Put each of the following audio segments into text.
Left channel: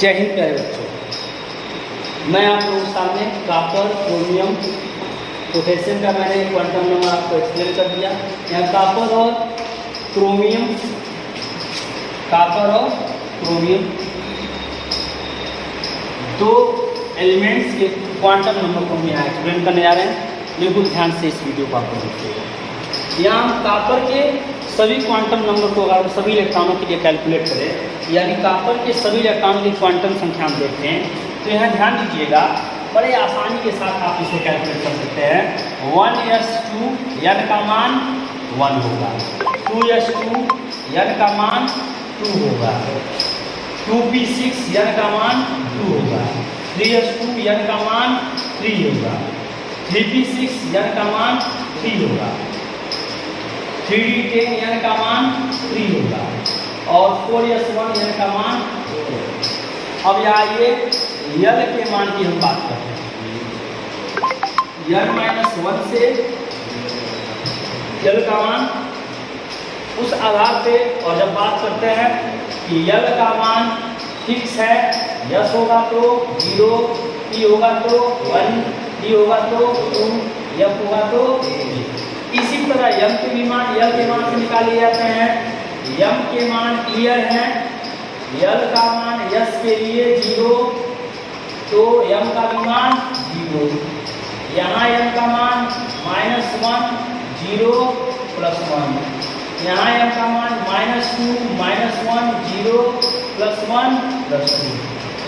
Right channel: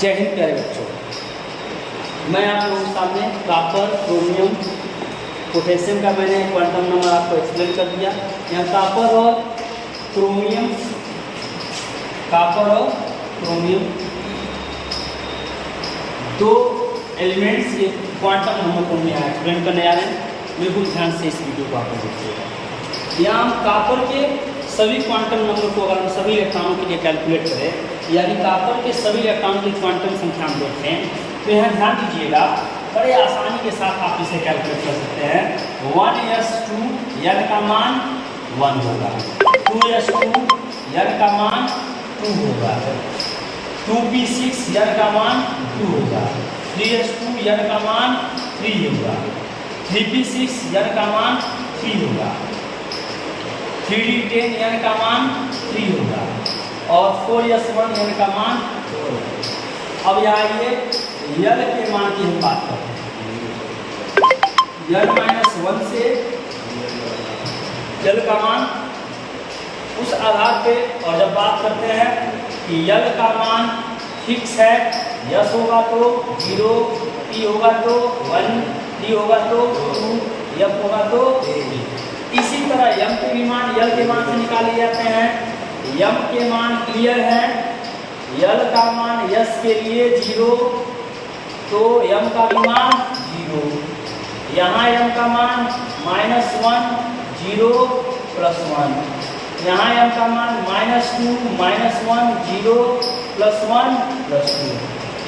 जय हिंद प्यारे बच्चों, मैं आप लोगों के सामने कॉपर, क्रोमियम, पोटेशियम का मैंने क्वांटम नंबर आपको एक्सप्लेन कर दिया। यहाँ कॉपर और क्रोमियम दो एलिमेंट्स के क्वांटम नंबर को हम यहाँ एक्सप्लेन करने जा रहे हैं। बिल्कुल ध्यान से इस वीडियो को आपको देखिएगा। यहाँ हम कॉपर के सभी क्वांटम नंबर को अगर सभी इलेक्ट्रॉनों के लिए कैलकुलेट करें, यानी कॉपर के सभी इलेक्ट्रॉनों की क्वांटम संख्या हम देखते हैं, तो यहाँ ध्यान दीजिएगा, बड़े आसानी के साथ आप इसे कैलकुलेट कर सकते हैं। 1s2 n का मान 1 होगा, 2s2 n का मान 2 होगा, 2p6 n का मान 2 होगा, 3s2 n का मान 3 होगा, 3p6 n का मान 3 होगा, 3d10 n का मान 3 होगा और 4s1 n का मान 4 होगा। अब यहाँ ये यल के मान की हम बात करते हैं। n-1 से यल का मान उस आधार पे, और जब बात करते हैं कि यल का मान फिक्स है, यस होगा तो 0, p होगा तो 1, d होगा तो 2, f होगा तो 3। इसी तरह यम के भी मान यल के मान से निकाले जाते हैं। यम के मान क्लियर हैं, यल का मान यस के लिए 0, तो यम का भी मान 0। यहाँ यम का मान -1, 0, +1। यहाँ यम का मान -2, -1, 0, +1, +2।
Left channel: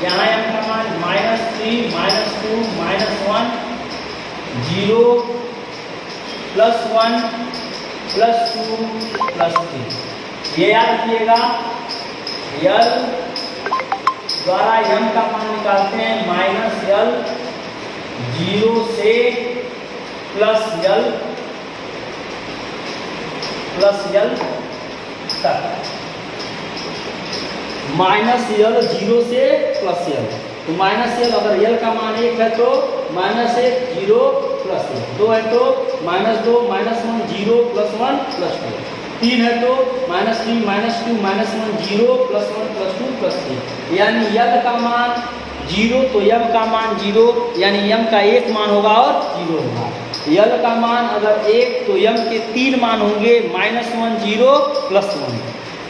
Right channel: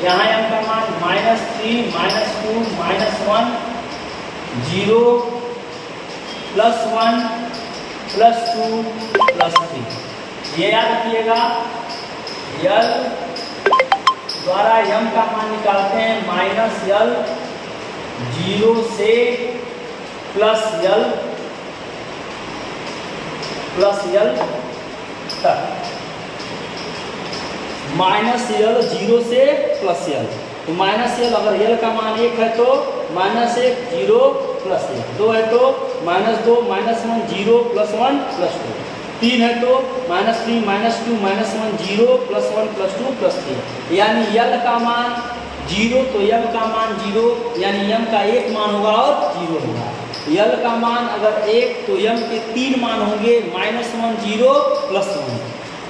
यहाँ यम का मान -3, -2, -1, 0, +1, +2, +3। ये याद रखिएगा, यल द्वारा यम का मान निकालते हैं -यल 0 से +यल तक। -यल 0 से +यल, तो -यल अगर यल का मान 1 है तो -1, 0, +1, 2 है तो -2, -1, 0, +1, +2, 3 है तो -3, -2, -1, 0, +1, +2, +3। यानी यल का मान 0 तो यम का मान 0, यानी यम का 1 मान होगा और 0 होगा। यल का मान अगर 1 तो यम के 3 मान होंगे, -1, 0, +1।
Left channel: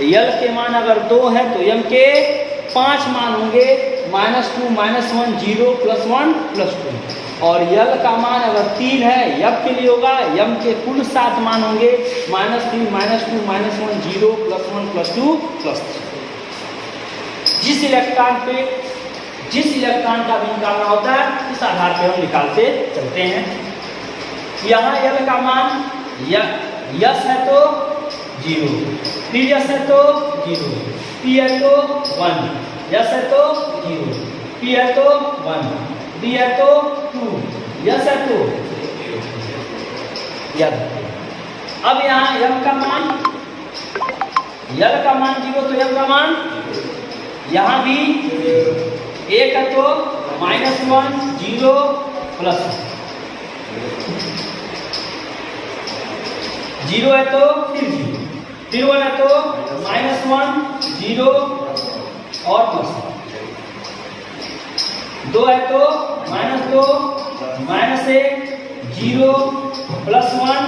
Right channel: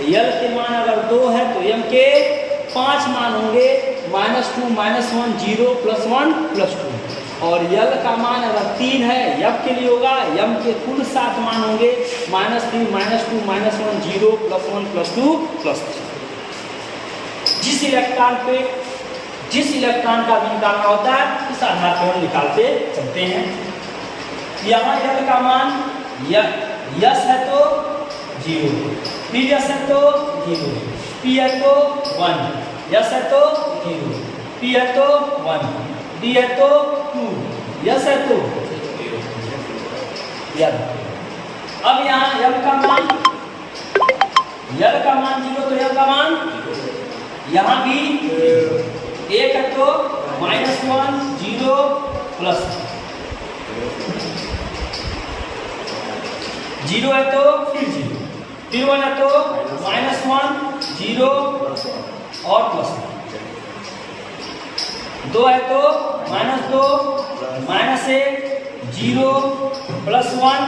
यल के मान अगर 2 है तो यम के 5 मान होंगे, -2, -1, 0, +1, +2। और यल का मान अगर 3 है, यम के लिए होगा, यम के कुल 7 मान होंगे, -3, -2, -1, 0, +1, +2, +3। जिस इलेक्ट्रॉन का भी निकालना होता है, इस आधार पर हम निकालते चलते हैं। यहाँ यल का मान यस है तो 0, फिर यस है तो 0, p है तो 1, यस है तो 0, p है तो 1, d है तो 2, यस है तो यल। अब यहाँ यम का मान, यल का मान 0 तो यम का मान, यहाँ भी 1 है तो -1, 0, +1, 0 है तो फिर 0, फिर 1 है तो -1, 0 और +1, 2 है तो -2, -1, 0, +1,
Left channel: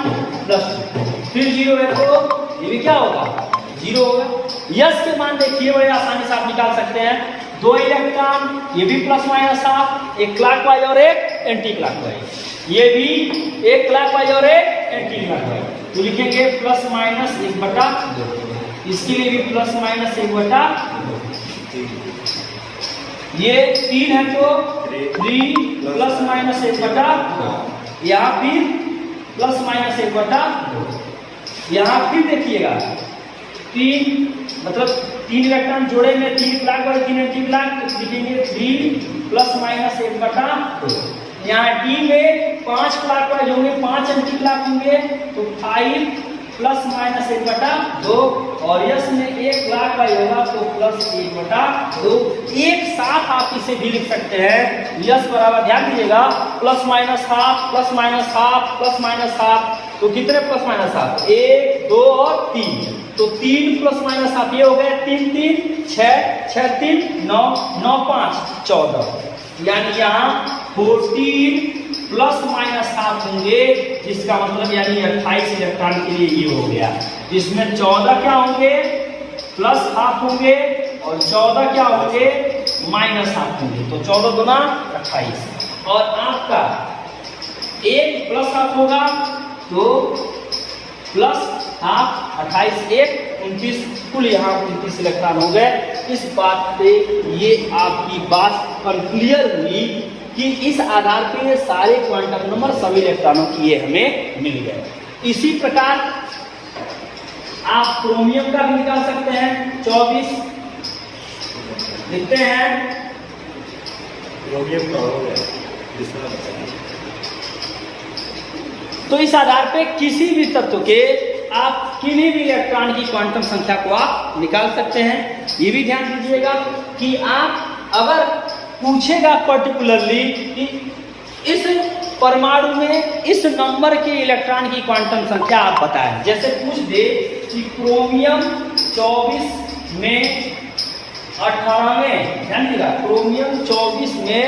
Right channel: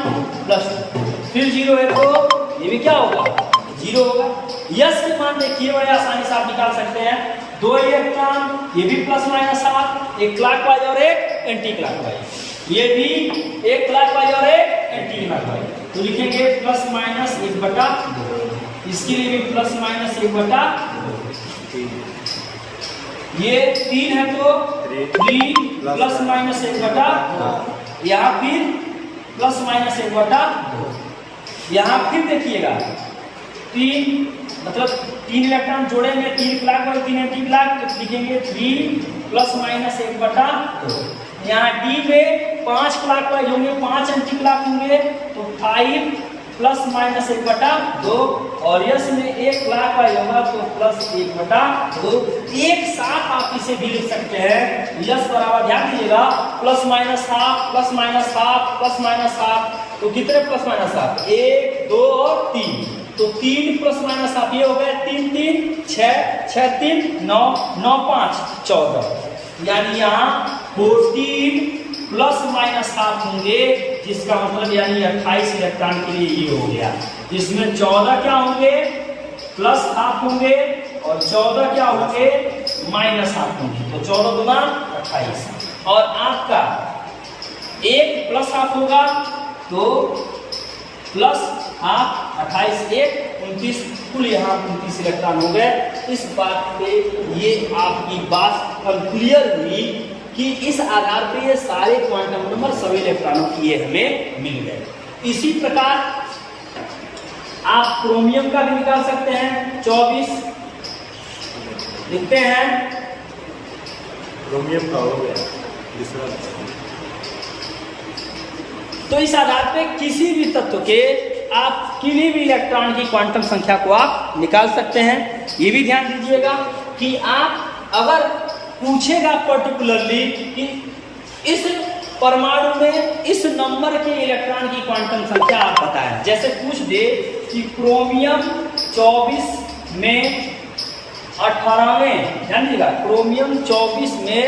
+2, फिर 0 है तो ये भी क्या होगा, 0 होगा। यस के मान देखिए, बड़े आसानी से आप निकाल सकते हैं। 2 इलेक्ट्रॉन, ये भी +- हाफ, एक क्लॉकवाइज और एक एंटी क्लॉकवाइज, ये भी एक क्लॉकवाइज और एक एंटी क्लॉकवाइज, तो लिखेंगे +-1/2। इसके लिए भी +-1/2। ये 3 है तो 3 +-1/2, यहाँ फिर +-1/2। यहाँ फिर देखिएगा 3, मतलब 3 इलेक्ट्रॉन जोड़ेंगे, 3 क्लॉकवाइज 3 एंटी क्लॉक, तो लिखेंगे 3 +-1/2। यहाँ डी में 5 क्लॉकवाइज होंगे, 5 एंटी क्लॉक होंगे, तो 5 +-1/2, और यस में 1 क्लॉकवाइज होगा तो +1/2। एक साथ आप इसे भी लिख सकते हैं। यस बराबर, ध्यान दीजिएगा, +-हाफ, +-हाफ, +-हाफ, तो कितने +-हाफ, 1, 2 और 3, तो 3 प्लस माइनस हाफ ये हो गया 3 3 6 6 3 9 9 5 14, यानी यहाँ 14 प्लस माइनस हाफ होंगे, जिसका मतलब यानी 28 इलेक्ट्रॉन के लिए ये हो गया, जिसमें 14 क्या होंगे प्लस हाफ होंगे और 14 क्या होंगे माइनस हाफ होंगे, तो 14 गुना 28। और आपका 1 प्लस हाफ होगा तो प्लस हाफ 28 1 29, कुल यहाँ 29 इलेक्ट्रॉन हो गए। इस बात पे ये आपकी बात क्लियर हुई कि इस आधार पे ये सारे क्वांटम नंबर सभी इलेक्ट्रॉनों की ये हमें मिल गए। इसी प्रकार आप क्रोमियम का भी निकाल सकते हैं। 24 लिखते हैं, क्रोमियम का हो गया। तो इस आधार पे किसी भी तत्व के आप किन्हीं भी इलेक्ट्रॉन की क्वांटम संख्या को आप निकाल सकते हैं। ये भी ध्यान दीजिएगा कि आप अगर पूछेगा पर्टिकुलरली कि इस परमाणु में इस नंबर के इलेक्ट्रॉन की क्वांटम संख्या आप बताएं, जैसे पूछ दे कि क्रोमियम 24 में 18वें, ध्यान दीजिएगा क्रोमियम 24 में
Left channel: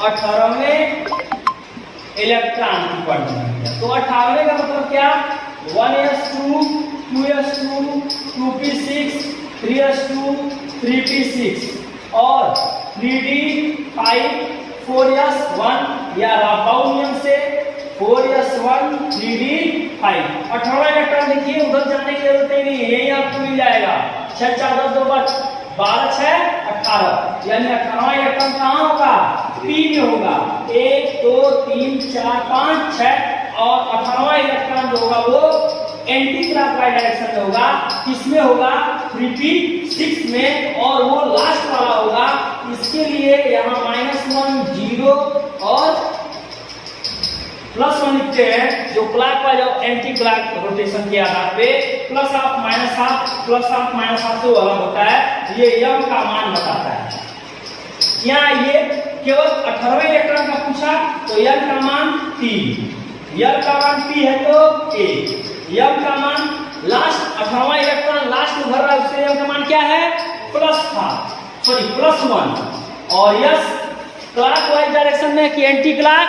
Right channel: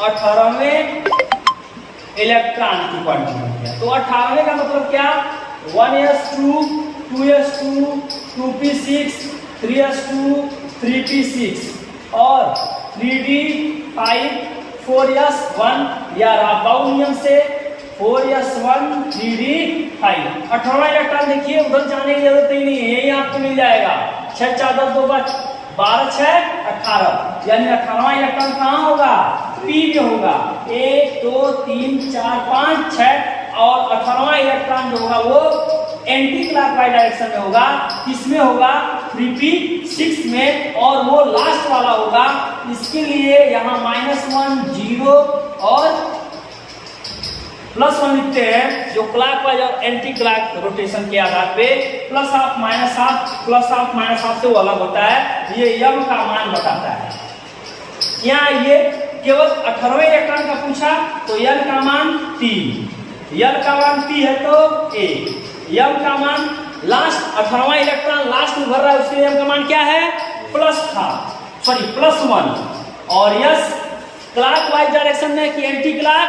18वें इलेक्ट्रॉन की क्वांटम संख्या, तो 18वें का मतलब क्या 1s2 2s2 2p6 3s2 3p6 और 3d5 4s1 या राबाउ नियम से 4s1 3d5। 18वां इलेक्ट्रॉन देखिए उधर जाने की जरूरत ही नहीं है, यही आपको मिल जाएगा। 6 4 10 2 12 6 18, यानी 18वां इलेक्ट्रॉन कहाँ होगा पी में होगा। 1 2 3 4 5 6 और 18वां इलेक्ट्रॉन जो होगा वो एंटी क्लॉकवाइज डायरेक्शन में होगा। किसमें होगा 3p6 में, और वो लास्ट वाला होगा। इसके लिए यहाँ -1 0 और +1 लिखते हैं, जो क्लॉकवाइज और एंटी क्लॉक रोटेशन के आधार पे plus half minus half plus half minus half से वो अलग होता है। ये यम का मान बताता है। यहाँ ये केवल 18वें इलेक्ट्रॉन का पूछा तो यम का मान 3, यम का मान p है तो 1, यम का मान लास्ट 18वां इलेक्ट्रॉन लास्ट में भर रहा है, उसके यम का मान क्या है +1, और यस क्लॉकवाइज डायरेक्शन में कि एंटी क्लॉक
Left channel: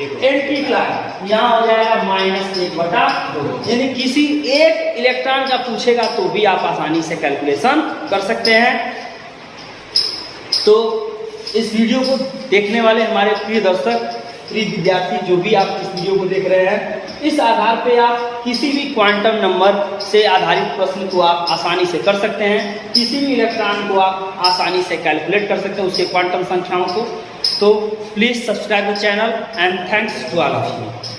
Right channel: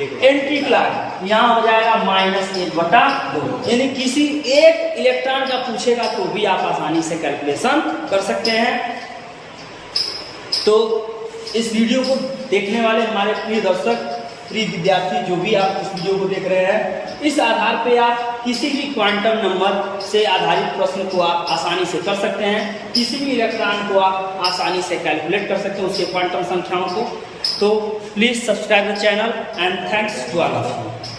एंटी क्लॉक, यहाँ हो जाएगा -1/2। यानी किसी एक इलेक्ट्रॉन का पूछेगा तो भी आप आसानी से कैलकुलेशन कर सकते हैं। तो इस वीडियो को देखने वाले हमारे प्रिय दर्शक, प्रिय विद्यार्थी, जो भी आप इस वीडियो को देख रहे हैं, इस आधार पे आप किसी भी क्वांटम नंबर से आधारित प्रश्न को आप आसानी से कर सकते हैं। किसी भी इलेक्ट्रॉन को आप आसानी से कैलकुलेट कर सकते हैं, उसके क्वांटम संख्याओं को। तो please subscribe the channel and thanks to all of you.